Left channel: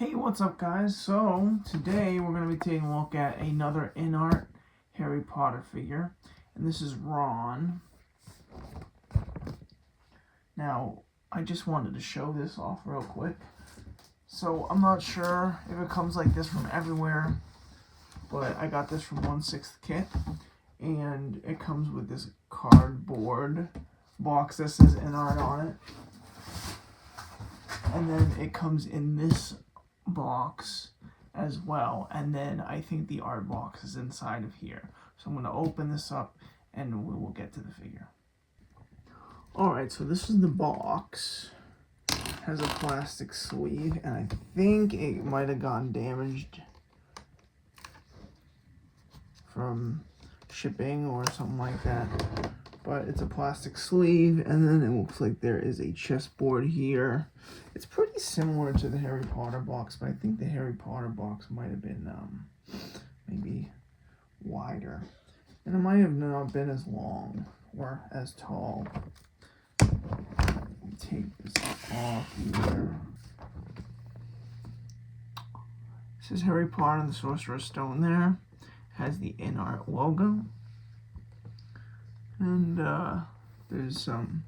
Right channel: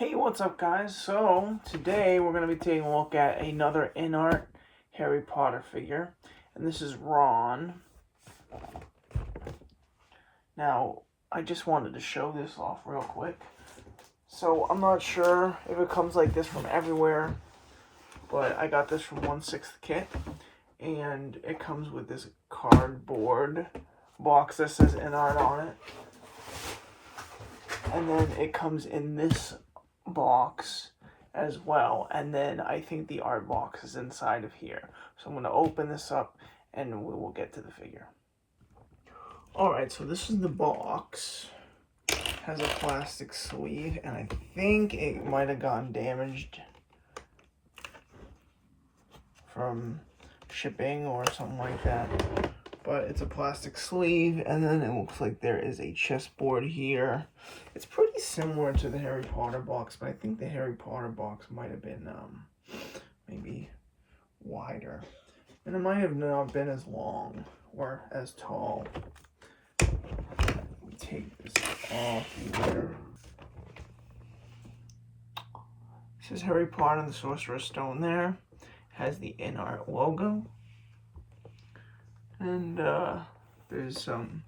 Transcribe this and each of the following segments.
Hey, what's up, guys? So, today we're going to be taking a look at another InArt Harry Potter figure, and this is Ron. Now, I just wanted to show this off real quick. So, I'm not sure if it comes like this from everywhere, but I got this from 1/6 kit, and it comes with this cardboard box that says InArt on it. And then it comes in this box as well, and then I think the art box is inside of here. So I'm going to open this up and we will get to the figure. Alright, so this is the box. It has a plastic sleeve, and I think it might have gotten damaged from shipping or something like that. But it's a plastic sleeve, and then it looks like there is a chessboard here. It's pretty similar to the Harry Potter box, but I think the Harry Potter box might have been maybe wider. And it might have not been as long or as tall. Let me take this off here. It says Harry Potter and the Sorcerer Stone there. It has the InArt logo. And there's some,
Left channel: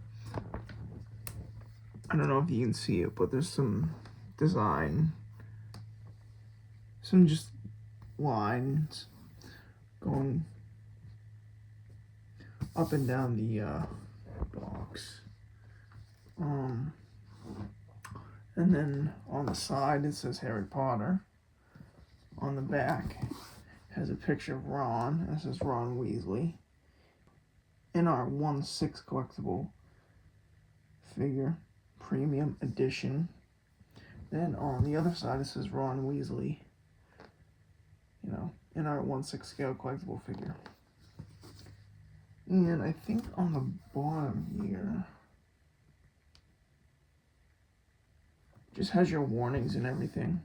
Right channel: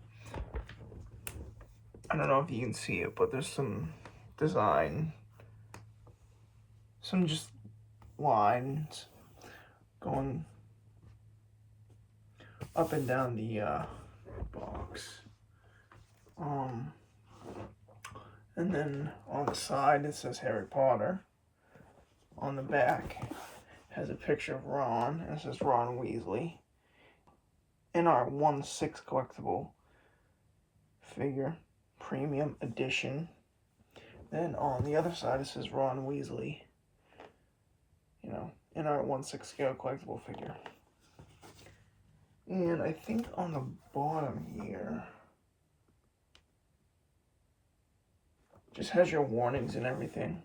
I don't know if you can see it, but there's some design, some just lines going up and down the box. And then on the side it says Harry Potter. On the back it has a picture of Ron, and it says Ron Weasley. InArt 1/6 collectible figure, premium edition. Then on the other side it says Ron Weasley. You know, InArt 1/6 scale collectible figure. And I think on the bottom here, just has your warnings and everything.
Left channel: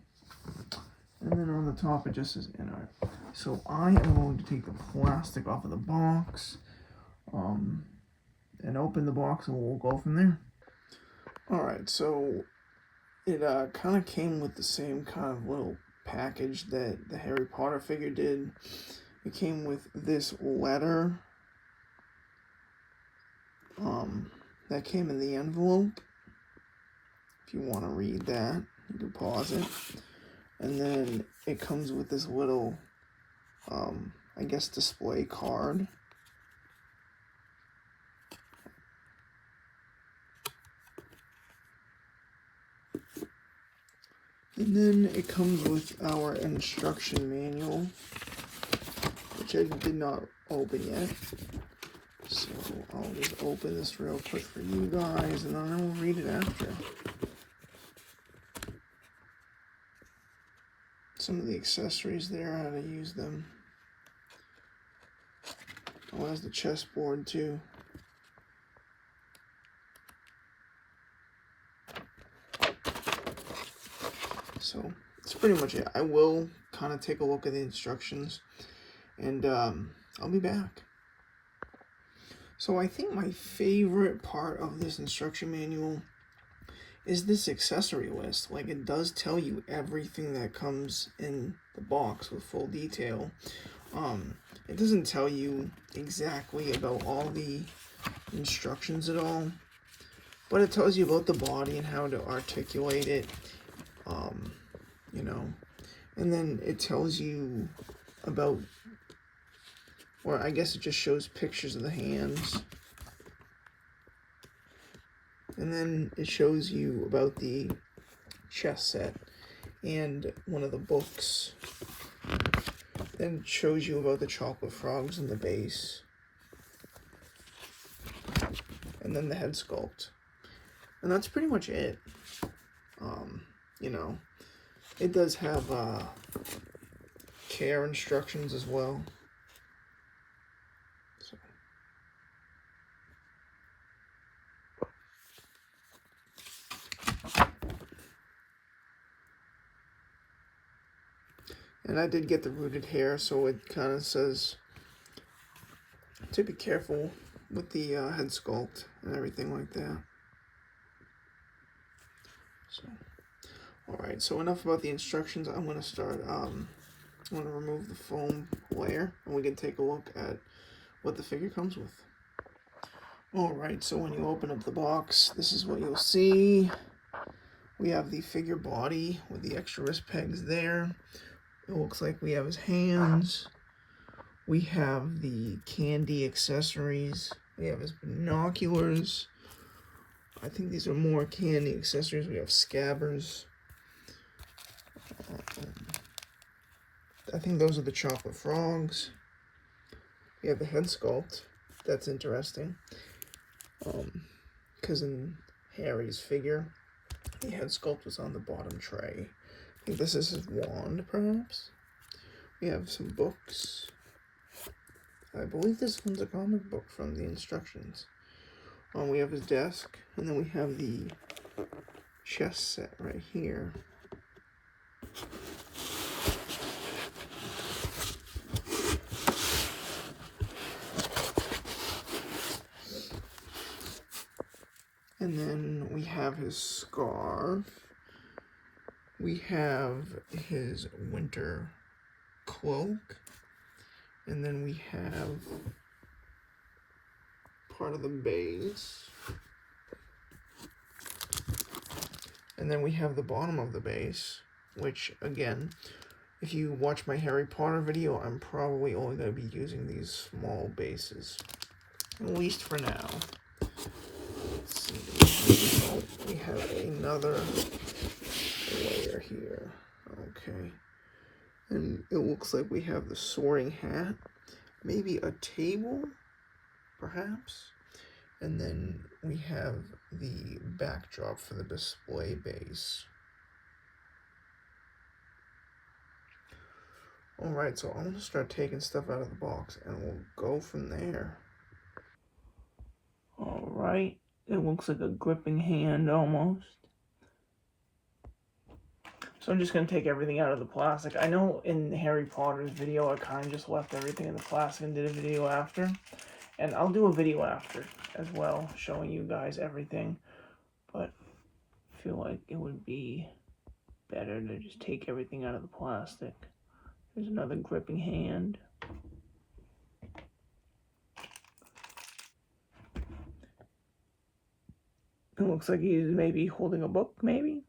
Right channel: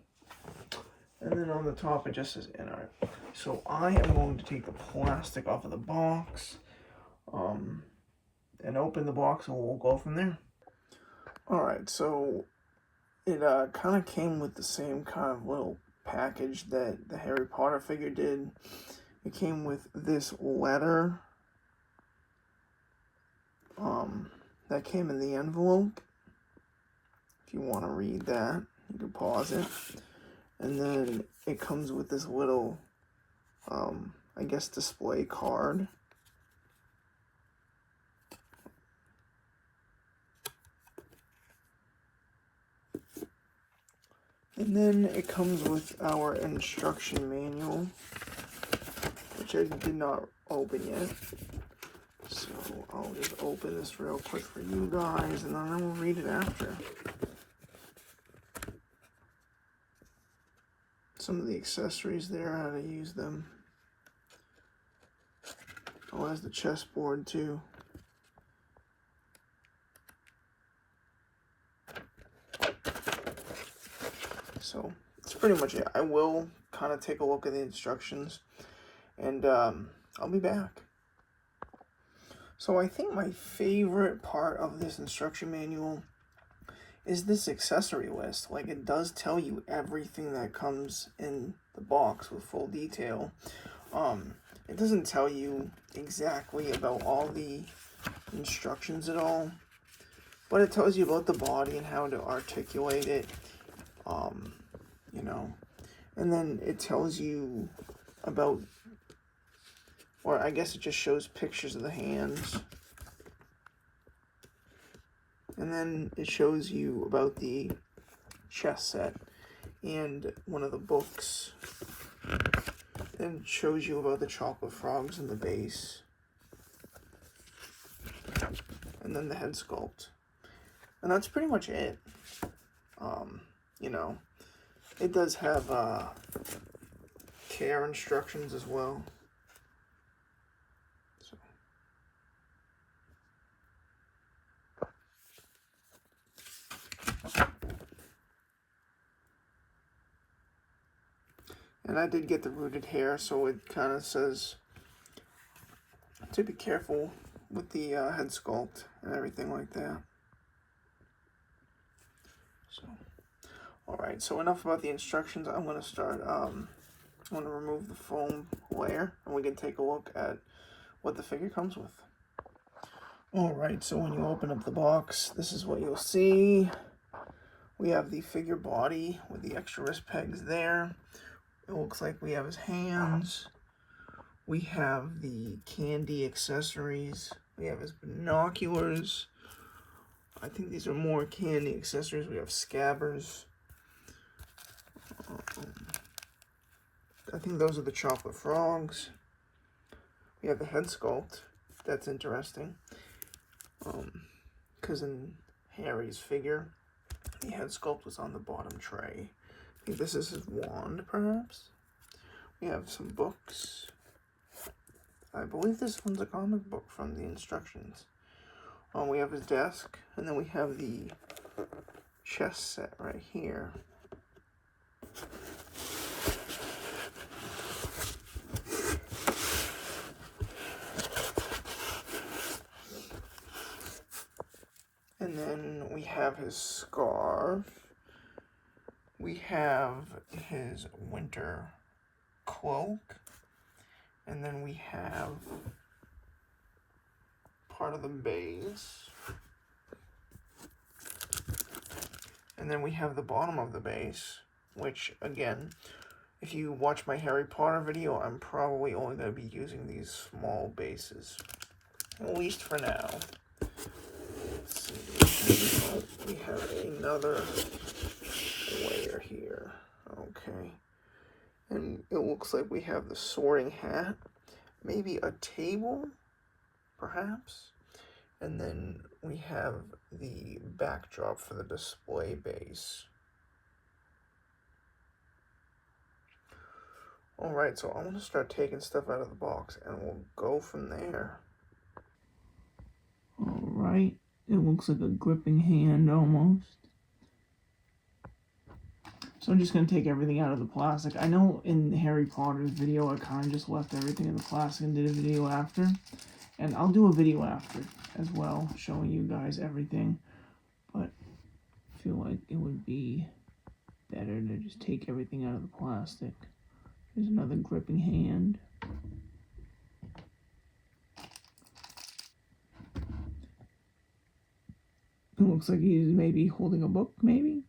And then on the top it just says InArt. So I am going to take the plastic off of the box. And open the box, and we'll go from there. Alright, so it kind of came with the same kind of little package that the Harry Potter figure did. It came with this letter that came in the envelope. If you want to read that, you can pause it. And then it comes with this little, I guess, display card. And then it comes with our instruction manual, which I did not open yet. So I'll just open this real quick for you guys, and then I will read it after. Some of the accessories there, how to use them. Oh, it has the chessboard too. So that's pretty much it. I will kind of take a look at the instructions, and I'll be back. So I think my favorite part of this instruction manual is this accessory list. Like, it does tell you everything that comes in the box with full detail. It doesn't tell you exactly about all the instructions at all, but it tells you about the body and how to articulate it. You know, and then it tells you about, or I guess it just shows pictures of the hands, and then it shows you about the chess set and one of the books. Then it shows you about the chocolate frogs in the base, and then the head sculpt, and that's pretty much it. You know, it does have care instructions as well. So. And I did get the rooted hair, so it kind of says to be careful with the head sculpt and everything like that. So, Alright, so enough about the instructions. I'm going to start, I'm going to remove the foam layer, and we can take a look at what the figure comes with. Alright, so when you open up the box, this is what you'll see. We have the figure body with the extra wrist pegs there. It looks like we have his hands. We have the candy accessories. We have his binoculars. I think these are more candy accessories. We have scabbers. I think those are the chocolate frogs. We have the head sculpt. That's interesting. Because in Harry's figure, the head sculpt was on the bottom tray. I think this is his wand, perhaps. We have some books. I believe this one's a comic book from the instructions. We have his desk, and then we have the chess set right here. And then we have his scarf. We have his winter cloak. And then we have part of the base. And then we have the bottom of the base, which, again, if you watch my Harry Potter video, I'm probably only going to be using these small bases, at least for now. Let's see, we have another layer here. Okay. And it looks like we have the sorting hat, maybe a table, perhaps. And then we have the backdrop for the display base. Alright, so I'm going to start taking stuff out of the box, and we'll go from there. Alright, it looks like a gripping hand almost. So I'm just going to take everything out of the plastic. I know in Harry Potter's video, I kind of just left everything in the plastic and did a video after. And I'll do a video after as well, showing you guys everything. But I feel like it would be better to just take everything out of the plastic. Here's another gripping hand. It looks like he's maybe holding a book, maybe?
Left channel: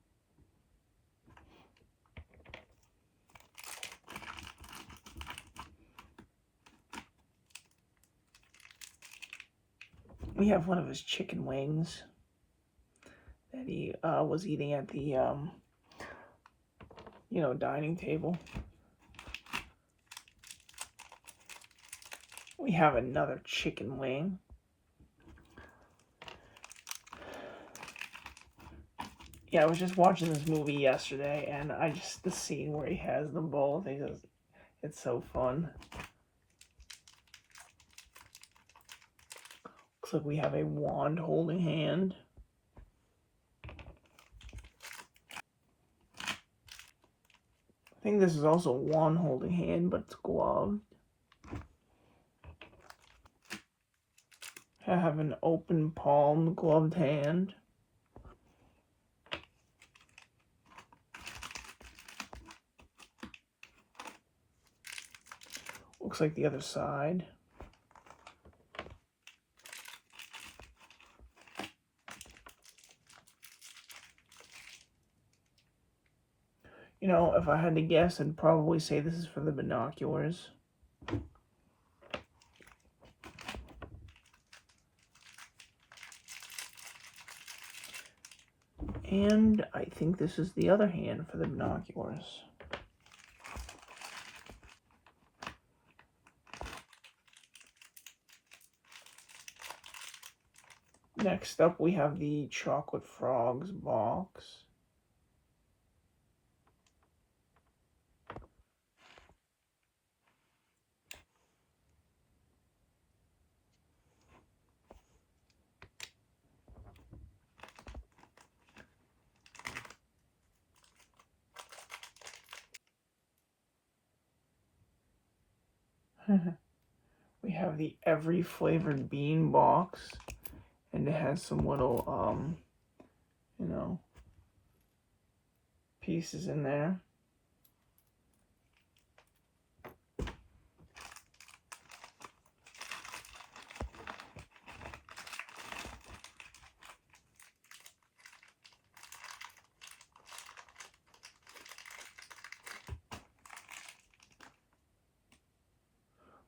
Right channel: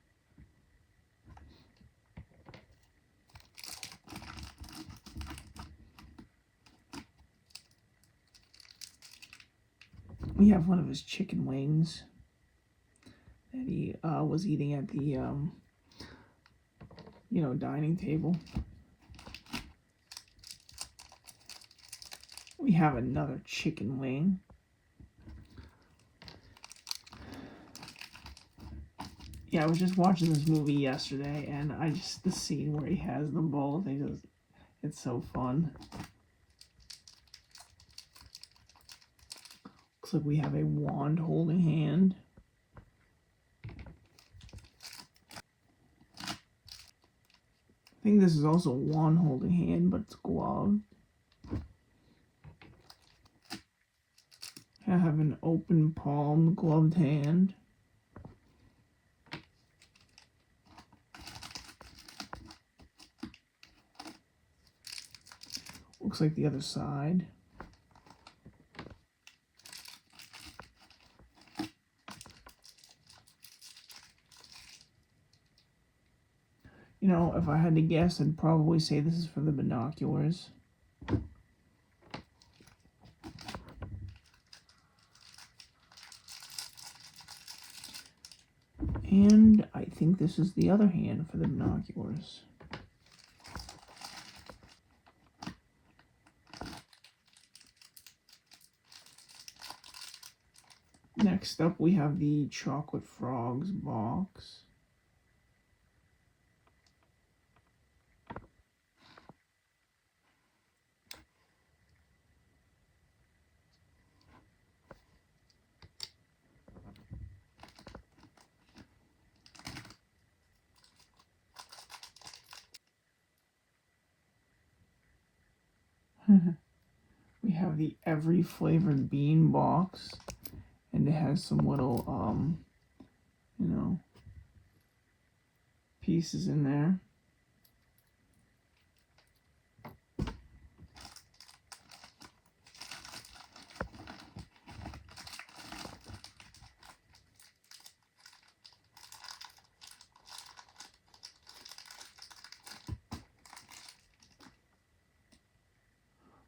We have one of his chicken wings that he was eating at the, dining table. We have another chicken wing. Yeah, I was just watching this movie yesterday, and the scene where he has them both, it's so fun. Looks like we have a wand holding hand. I think this is also a wand holding hand, but it's gloved. I have an open palm gloved hand. Looks like the other side. You know, if I had to guess, I'd probably say this is for the binoculars. And I think this is the other hand for the binoculars. Next up, we have the chocolate frogs box. We have the every flavored bean box, and it has some little, pieces in there.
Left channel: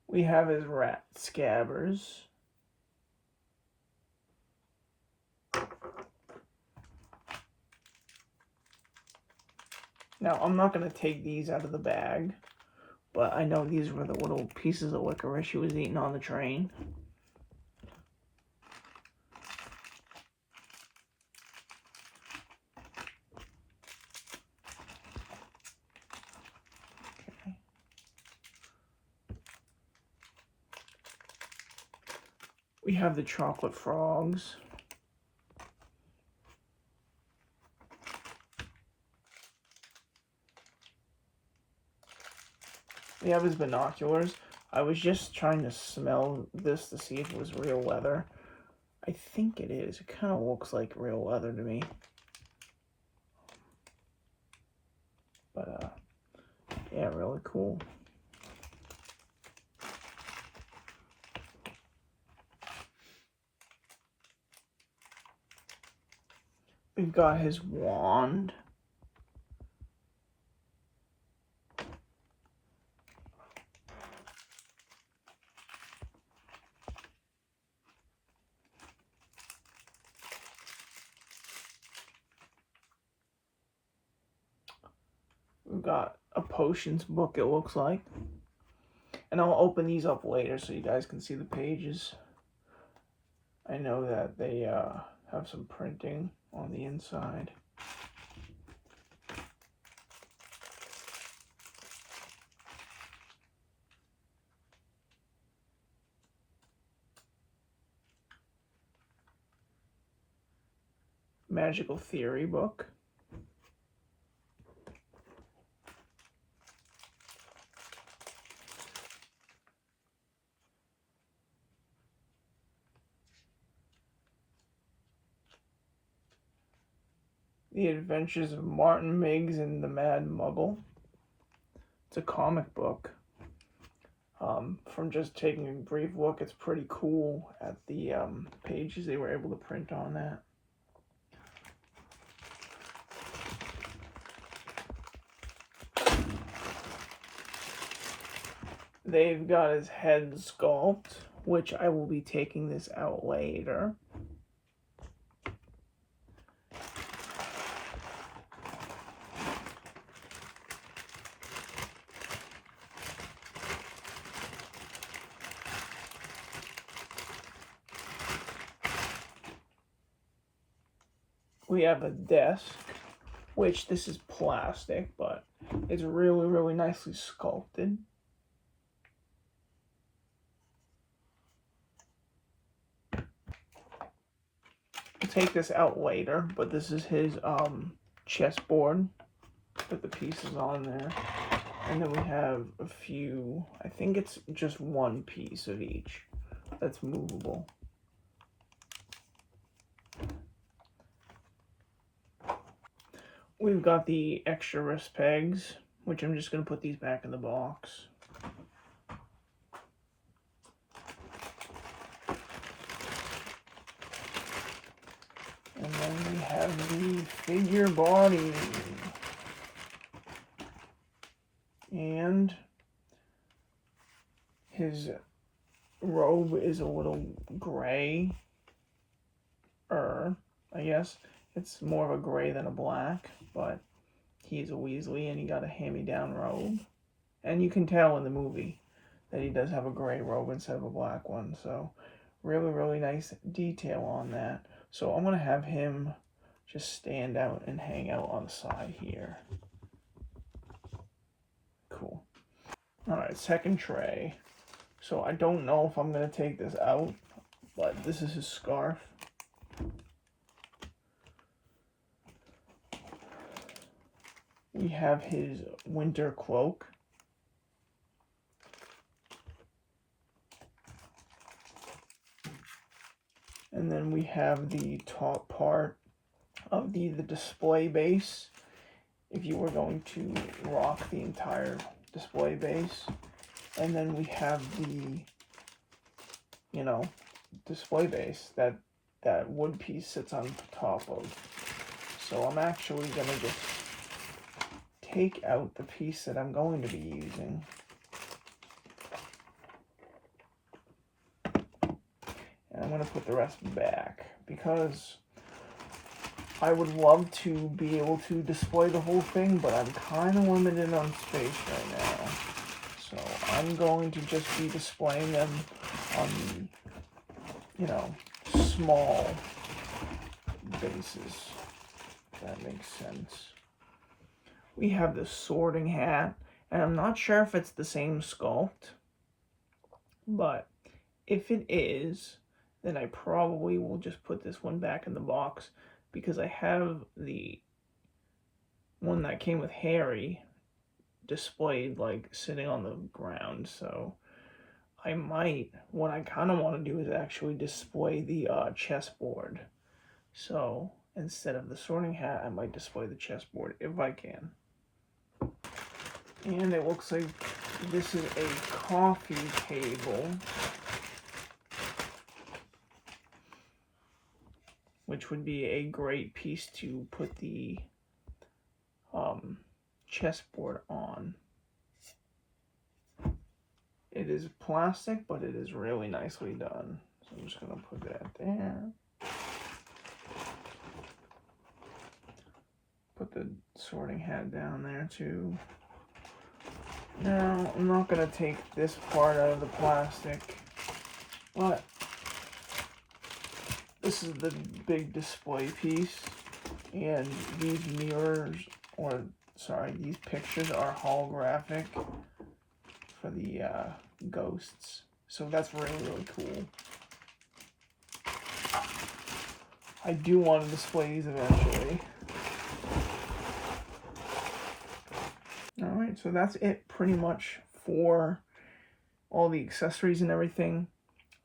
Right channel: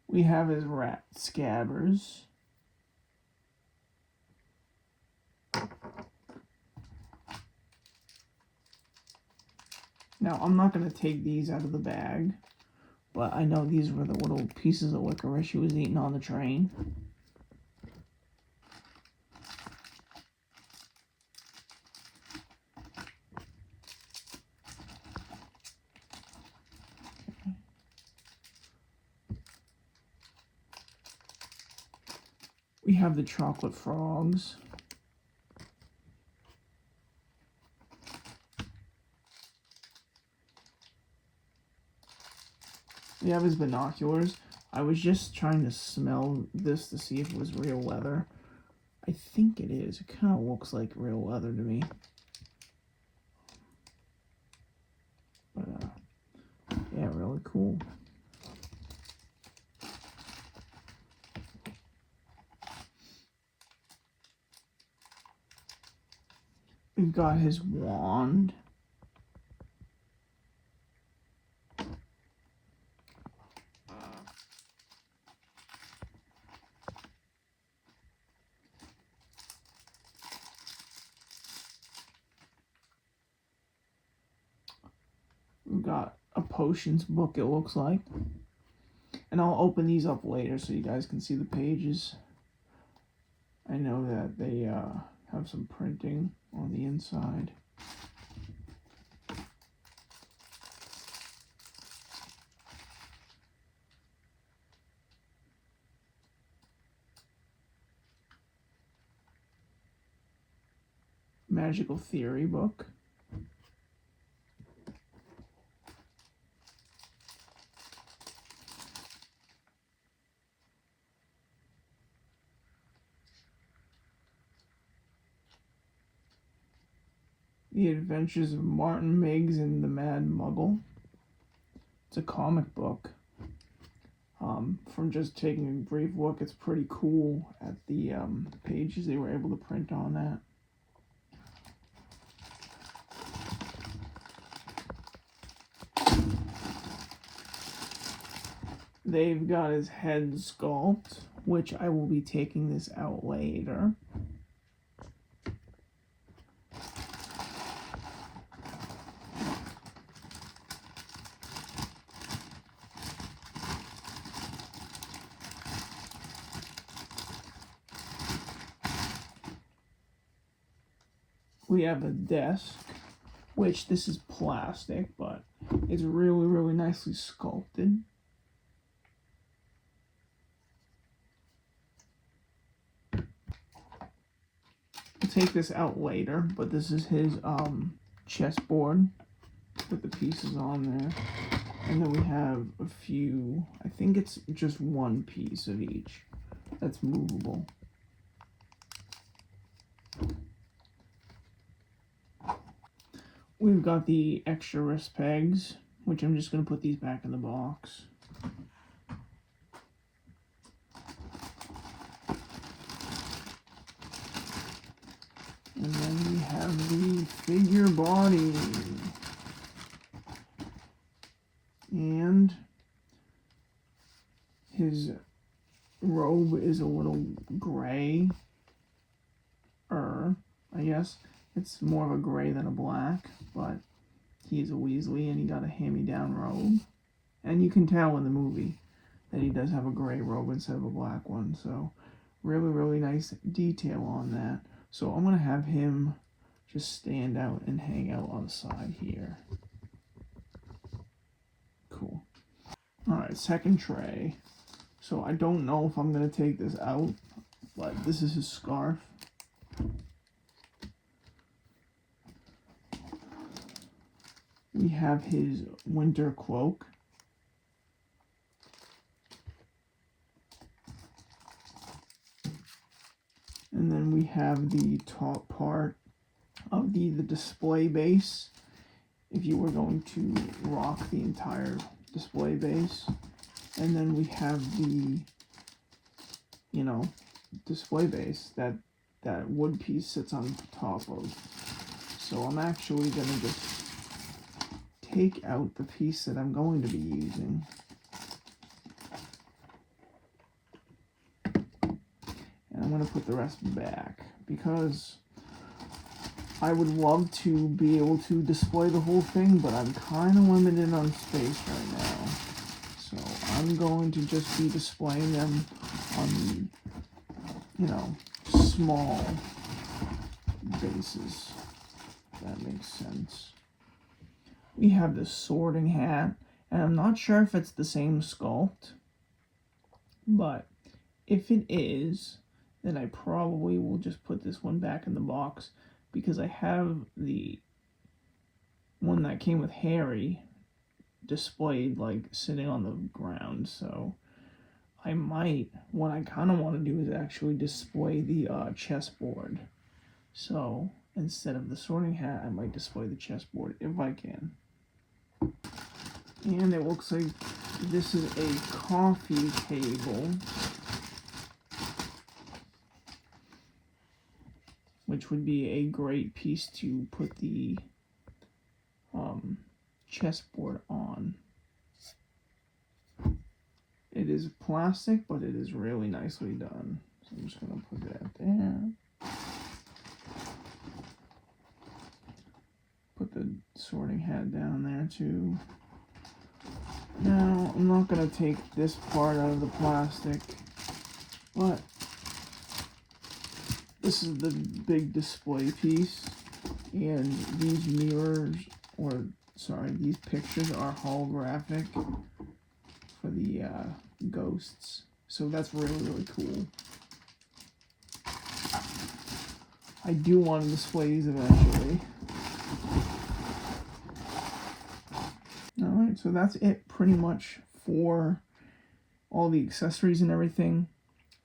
We have his rat scabbers. Now, I'm not going to take these out of the bag, but I know these were the little pieces of licorice he was eating on the train. Okay. We have the chocolate frogs. We have his binoculars. I was just trying to smell this to see if it was real leather. I think it is. It kind of looks like real leather to me. But, yeah, really cool. We've got his wand. We've got a potions book, it looks like. And I'll open these up later so you guys can see the pages. I know that they have some printing on the inside. Magical Theory book. The Adventures of Martin Miggs and the Mad Muggle. It's a comic book. From just taking a brief look, it's pretty cool at the pages they were able to print on that. They've got his head sculpt, which I will be taking this out later. We have a desk, which this is plastic, but it's really, really nicely sculpted. I'll take this out later, but this is his chessboard with the pieces on there. And then we have a few, I think it's just one piece of each that's movable. We've got the extra wrist pegs, which I'm just going to put these back in the box. And then we have the figure body. And his robe is a little gray, I guess. It's more of a gray than a black, but he's a Weasley and he got a hand-me-down robe. And you can tell in the movie that he does have a gray robe instead of a black one. So really, really nice detail on that. So I'm going to have him just stand out and hang out on the side here. Cool. Alright, second tray. So I don't know if I'm going to take this out, but this is his scarf. We have his winter cloak. And then we have the top part of the display base. if you were going to rock the entire display base. And then we have the, you know, display base that wood piece sits on top of. So I'm actually going to just take out the piece that I'm going to be using. And I'm going to put the rest back because I would love to be able to display the whole thing, but I'm kind of limited on space right now. So I'm going to just be displaying them on the, you know, small bases. If that makes sense. We have the sorting hat, and I'm not sure if it's the same sculpt, but if it is, then I probably will just put this one back in the box because I have the one that came with Harry displayed like sitting on the ground. So I might, what I kind of want to do is actually display the chessboard. So instead of the sorting hat, I might display the chessboard if I can. And it looks like this is a coffee table, which would be a great piece to put the chessboard on. It is plastic, but it is really nicely done. So I'm just going to put that there. Put the sorting hat down there too. Now, I'm not going to take this part out of the plastic, but this is the big display piece, and these mirrors, or sorry, these pictures are holographic for the ghosts. So that's really, really cool. I do want to display these eventually. Alright, so that's it pretty much for all the accessories and everything.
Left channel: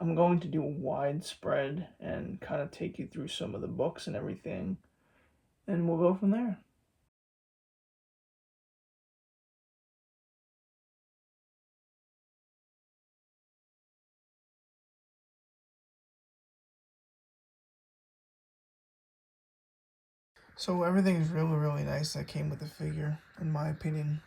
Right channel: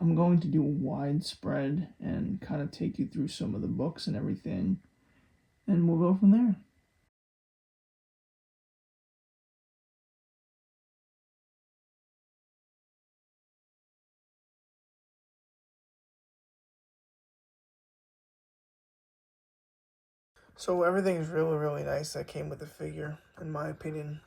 I'm going to do a widespread and kind of take you through some of the books and everything, and we'll go from there. So everything's really, really nice that came with the figure, in my opinion.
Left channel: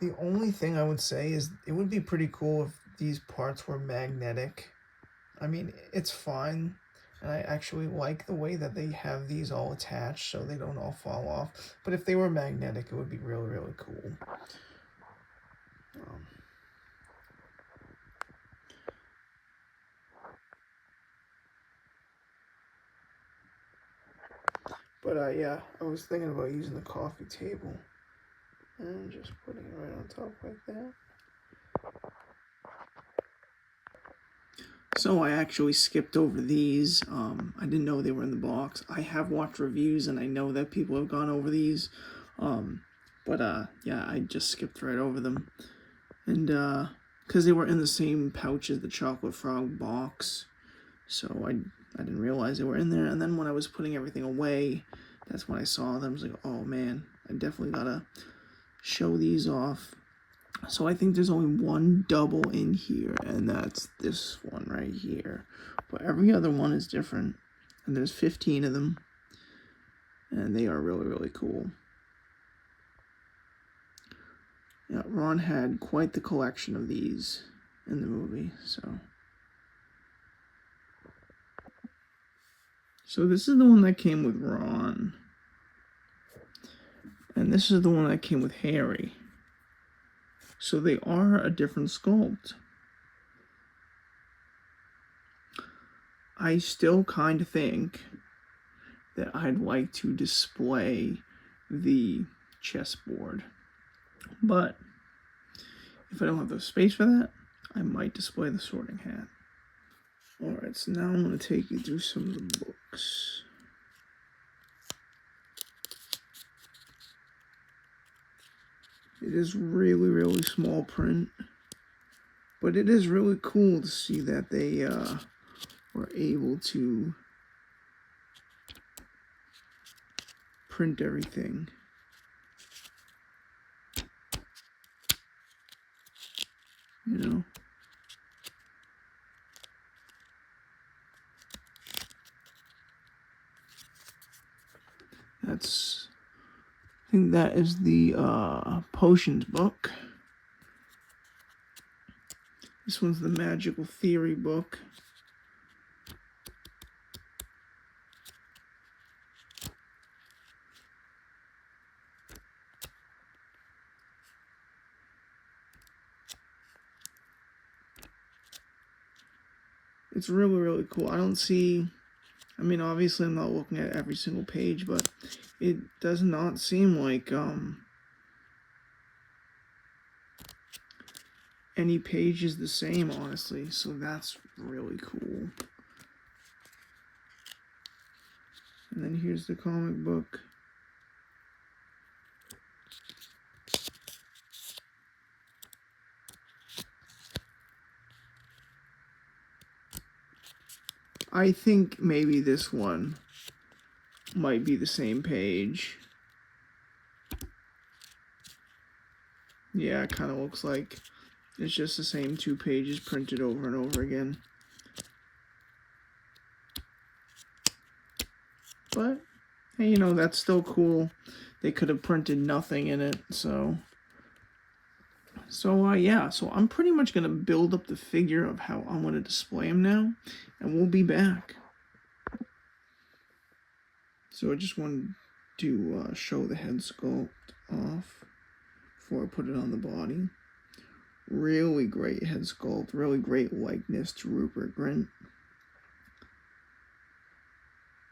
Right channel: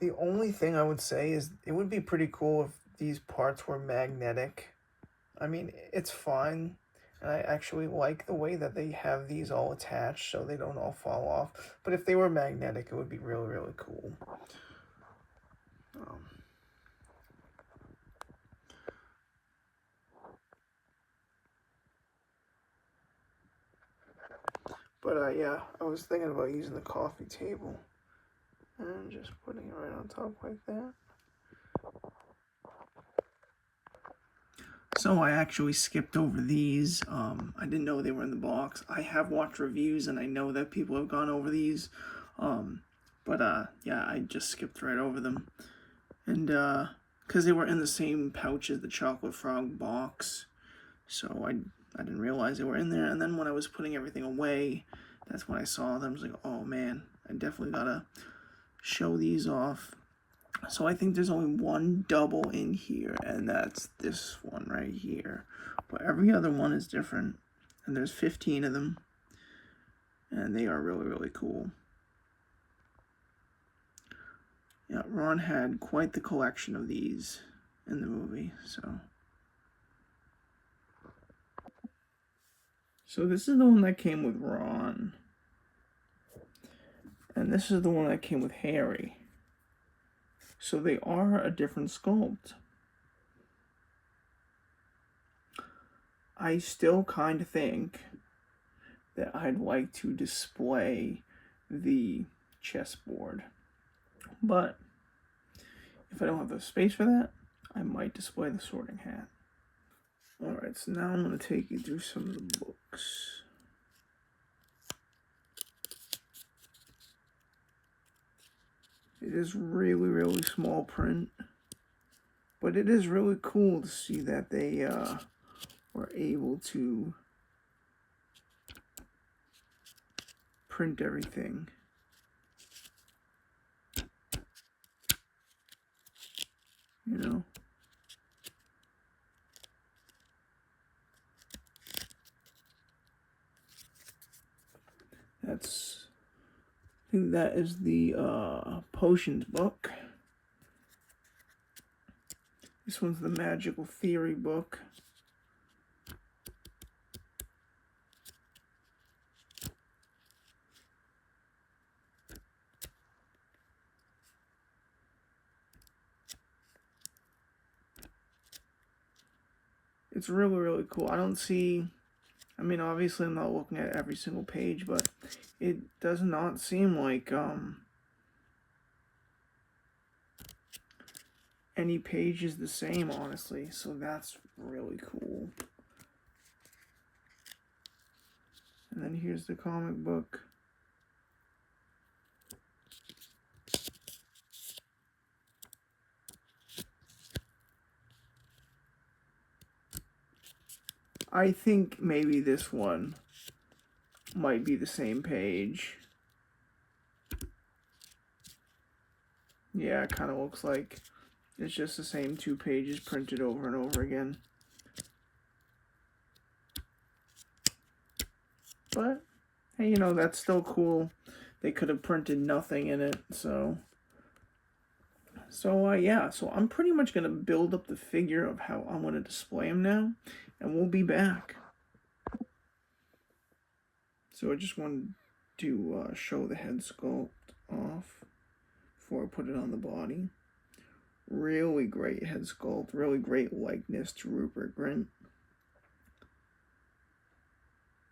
The only thing I would say is it would be pretty cool if these parts were magnetic. I mean, it's fine, and I actually like the way that they have these all attached so they don't all fall off. But if they were magnetic, it would be really, really cool. But yeah, I was thinking about using the coffee table and just putting it right on top like that. So I actually skipped over these. I didn't know they were in the box. I have watched reviews and I know that people have gone over these. Yeah, I just skipped right over them. And because they were in the same pouch as the Chocolate Frog box. So I didn't realize they were in there. And then when I was putting everything away, that's when I saw them. I was like, oh man, I definitely gotta show these off. So I think there's only one double in here, and that's this one right here. But every other one is different, and there's 15 of them, and they are really, really cool. Yeah, Ron had quite the collection of these in the movie, So this is the one that came with Ron, and this is the one that came with Harry. So they are a different sculpt. I still kind of think that I'd like to display the chessboard. But if I don't have the space for that, I might display the sorting hat. Alright, so now I'm going to take you through some of the books. It is really, really small print. But it is really cool to see that they were able to print everything. You know? I think that is the potions book. This one's the magical theory book. It's really, really cool. I don't see, I mean, obviously I'm not looking at every single page, but it does not seem like any page is the same, honestly. So that's really cool. And then here's the comic book. I think maybe this one might be the same page. Yeah, it kind of looks like it's just the same 2 pages printed over and over again. But, hey, you know, that's still cool. They could have printed nothing in it, so yeah, so I'm pretty much going to build up the figure of how I'm going to display him now, and we'll be back. So I just wanted to show the head sculpt off before I put it on the body. Really great head sculpt, really great likeness to Rupert Grint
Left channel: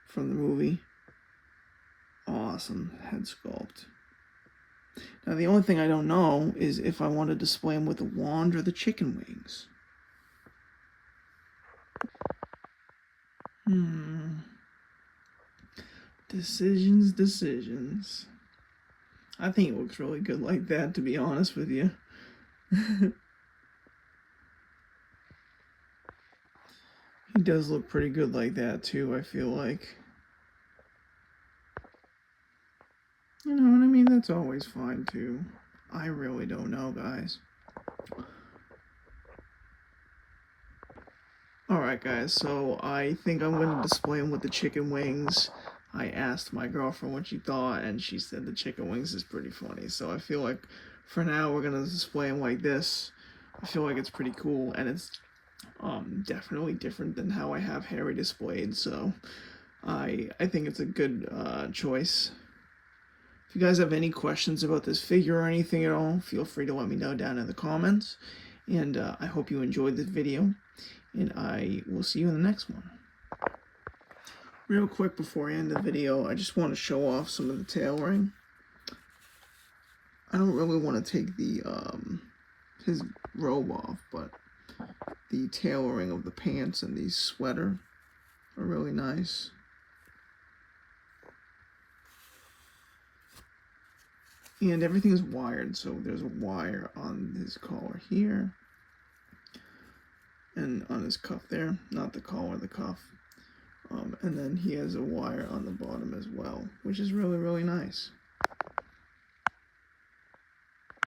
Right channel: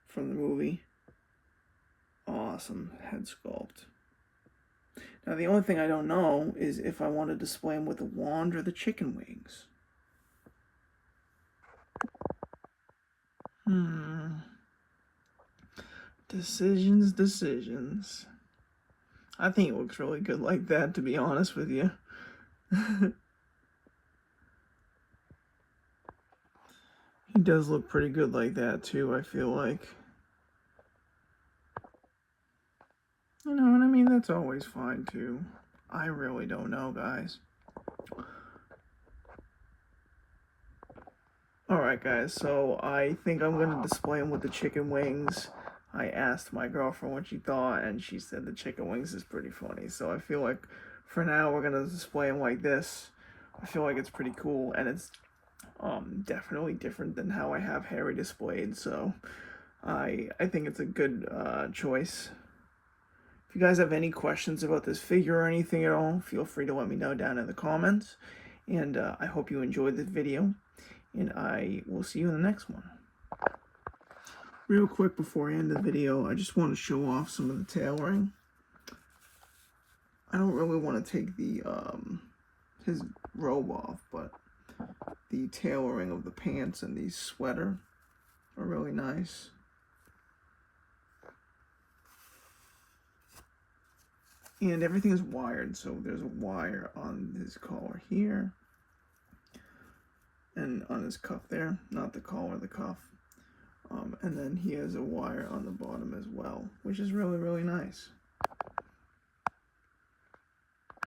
from the movie. Awesome head sculpt. Now the only thing I don't know is if I want to display him with the wand or the chicken wings. Decisions. I think it looks really good like that, to be honest with you. He does look pretty good like that too, I feel like. You know what I mean? That's always fine too. I really don't know, guys. Alright guys, so I think I'm going to display him with the chicken wings. I asked my girlfriend what she thought, and she said the chicken wings is pretty funny. So I feel like for now we're going to display him like this. I feel like it's pretty cool, and it's definitely different than how I have Harry displayed. So I think it's a good choice. If you guys have any questions about this figure or anything at all, feel free to let me know down in the comments. And I hope you enjoyed this video, and I will see you in the next one. Real quick before I end the video, I just want to show off some of the tailoring. I don't really want to take the his robe off, but the tailoring of the pants and the sweater are really nice. And everything is wired, so there's a wire on his collar here and on his cuff there, not the collar, the cuff. And then he has a wire on the bottom as well, which is really, really nice.